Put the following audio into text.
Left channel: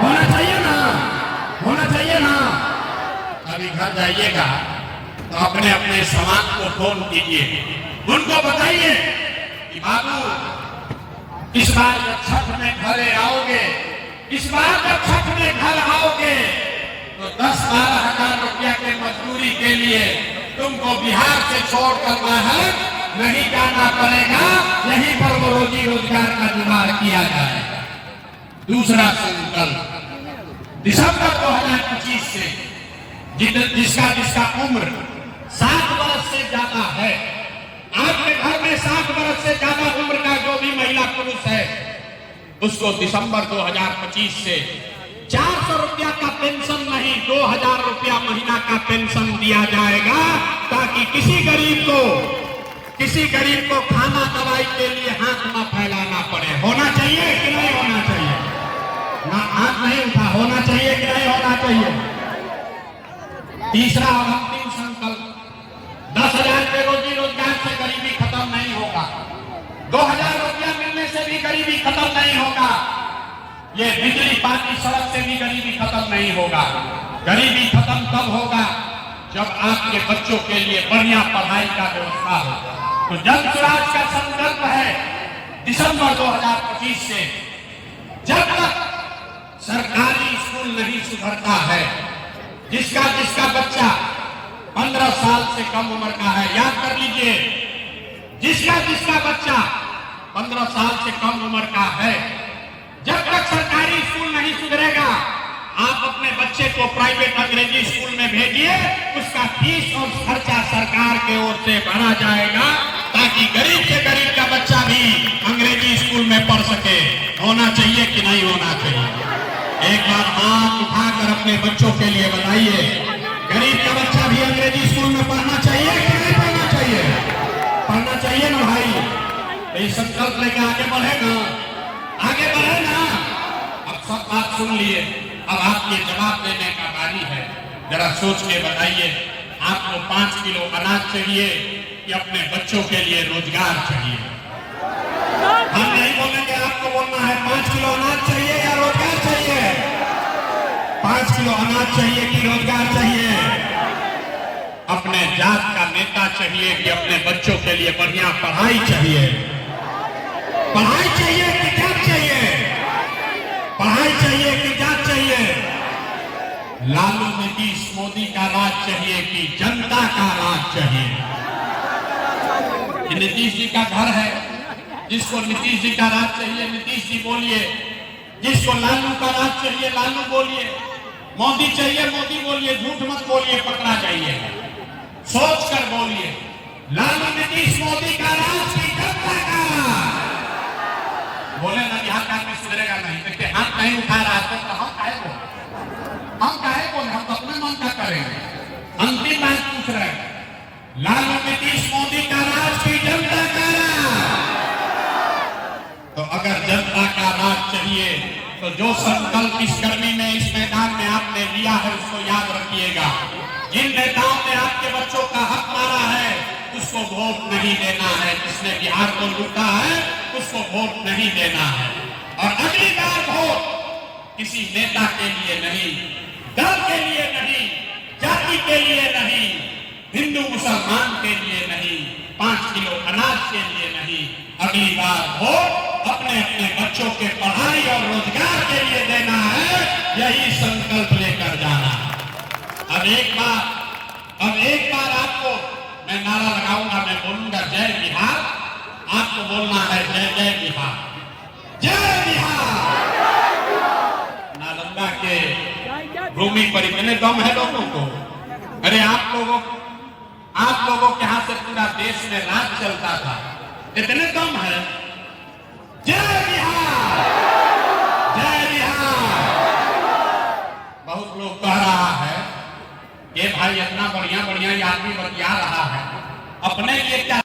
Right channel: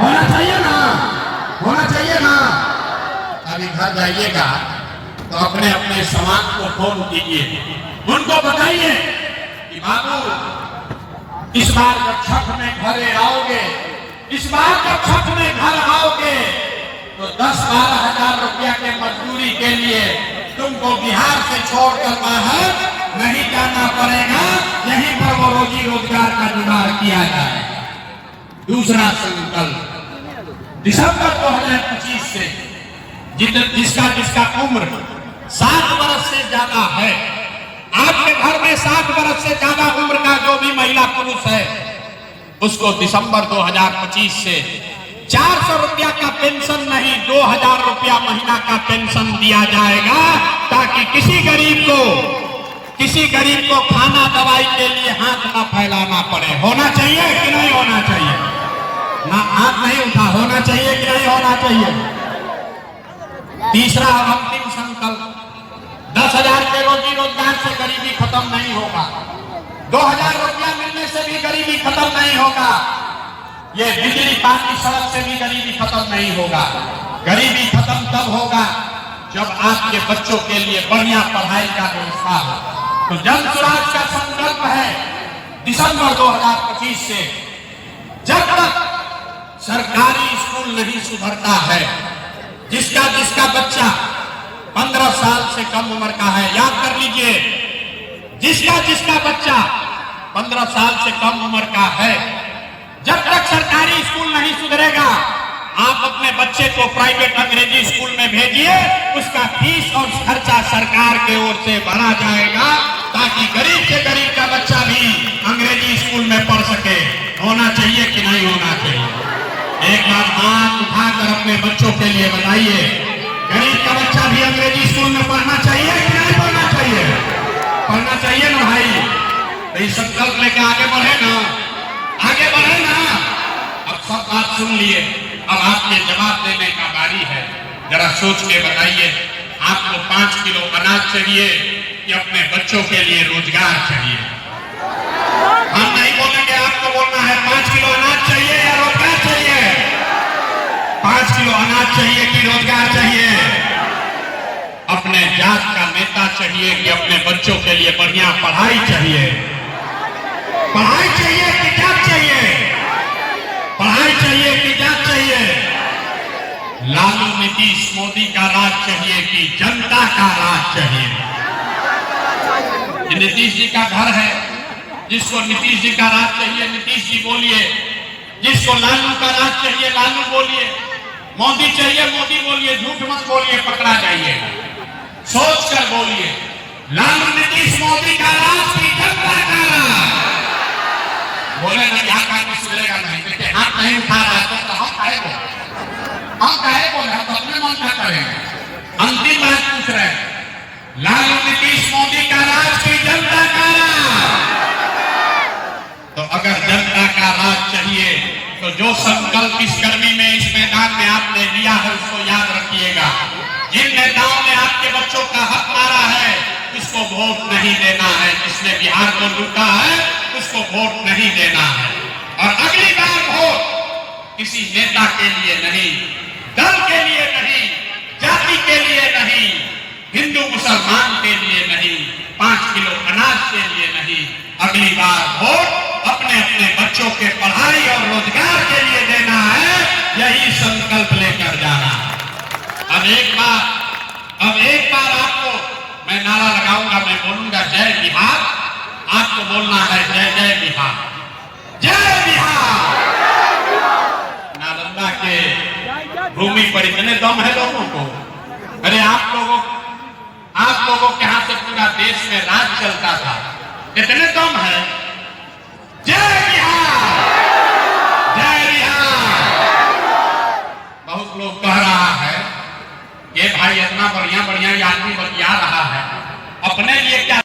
होना चाहिए ना, होना चाहिए ना। अभी घर जाइएगा तो अपने अपने समाज को फोन कीजिए, उनको बताइए कि बाबू इस बार जब छठ में घरे आओगे, इस बार जब छठ में घर आओगे तो 10-12 हजार रुपया के मजदूरी के लिए तुमको बिहार से छोड़कर बाहर नहीं जाना पड़ेगा, यहीं पर वो रोजी रोजगार का जुगाड़ किया जाएगा। दूसरा संकल्प दिसंबर 2025 से जिसका उम्र 60 वर्ष से ज्यादा है, आपके घर में 60 वर्ष से ज्यादा उम्र का जो भी महिला पुरुष है उसको दिसंबर 2025 से 400 रुपया का पेंशन नहीं 2000 रुपया महीना का पेंशन दिया जाएगा, ताकि किसी गरीब को खाना दवाई के लिए हाथ न फैलाना पड़े। होना चाहिए कि नहीं होना चाहिए? ना हाथ नहीं उठा, होना चाहिए कि नहीं होना चाहिए? तीसरा और अंतिम संकल्प, 10,000 के रोजी रोजगार से गरीबी खत्म नहीं होगा, 2000 रुपया मिलने से भी गरीबी खत्म नहीं होगा, ये बिजली पानी सड़क से भी गरीबी खत्म नहीं होगा। गरीबी खत्म तब होगा जब आपके बच्चों के लिए बढ़िया पढ़ाई का व्यवस्था हो। तो जन स्वराज का संकल्प है दिसंबर 2025 से, जब तक सरकारी स्कूल नहीं सुधरता है, जिसका बच्चा 15 साल से कम उम्र का है, याद कर लीजिए, जिसका बच्चा 15 साल से कम उम्र का है, जब तक सरकारी स्कूल नहीं सुधरेगा, आप अपने बच्चे को प्राइवेट अंग्रेजी स्कूल में भेजिए, उसका फीस और खर्चा सरकार के ओर से भरा जाएगा, ताकि गरीब से गरीब का बच्चा भी अंग्रेजी स्कूल में पढ़ सके। होना चाहिए कि नहीं होना चाहिए? एक बार हाथ उठाकर अपने बच्चों के लिए बताइए, गरीब का बच्चा भी अंग्रेजी स्कूल में पढ़ना चाहिए कि नहीं पढ़ना चाहिए? पढ़ना चाहिए ना भाई। तो इस संकल्प लेकर आगे बढ़े ना, आगे बढ़े ना। अब सब बात सुन लिए, अब आपके जवाब देने का बारी है। जरा सोच के बताइए, आपको 5 किलो अनाज चाहिए कि अपने बच्चों के लिए रोजगार चाहिए? हम नहीं बोलेंगे, आपको बोलना है 5 किलो अनाज चाहिए या रोजगार चाहिए? 5 किलो अनाज चाहिए कि रोजगार चाहिए? अपने जात का नेता चाहिए कि अपने बच्चों के लिए बढ़िया पढ़ाई चाहिए? पढ़ाई चाहिए कि जात चाहिए? पढ़ाई चाहिए कि जात चाहिए? लालू नीतीश मोदी का राज चाहिए कि जनता का राज चाहिए? नीतीश जी का घर है, जिसको नीतीश जी का राज चाहिए नीतीश जी बोलिए, जिसको लालू का राज चाहिए लालू बोलिए, मोदी चाहिए मोदी बोलिए, झूठ मत बोलिए, पकड़ा जाइएगा। सोच कर बोलिए, लालू नीतीश मोदी का राज की जनता का राज। बोले ना यहाँ का कुछ सुधरेगा नहीं, क्योंकि हाथ नहीं उठा रहा है तो हम काहे बोले, हम तो अपने मन का करेंगे। अंतिम बात पूछ रहे हैं, लालू नीतीश मोदी का राज की जनता का राज। तो अगर जनता का राज चाहिए तो जो संकल्प इस गर्मी में इस मैदान में आपने लिया है उसको याद रखिएगा। जिन नेताओं ने आपके बच्चों का हक मारा है उसको वोट नहीं देना है, जिसने बिहार को लूटा है उसको वोट नहीं देना है। और अगली बार वोट किसी नेता के लिए नहीं, दल के लिए नहीं, जाति के लिए नहीं, हिंदू मुसलमान के लिए नहीं, 5 किलो अनाज के लिए नहीं, अगली बार वोट अपने अपने बच्चों के पढ़ाई और रोजगार के लिए देना है। यही संकल्प लेकर जाना है। अब एक बार आपको मैं नारा लगाऊंगा, मैं बोलूंगा जय बिहार, आपको बोलना है जय जय बिहार, जय बिहार। नालंदा के भूमि पर इतने दम है लोगों को, अरे आप लोगों के यहाँ से पूरा देश में राज चलता था, इतने दम है। जय बिहार, जय बिहार। बहुत लोग कह रहा है कि भाई इतना बढ़िया बढ़िया आदमी बतिया रहा है, अपने लिए क्या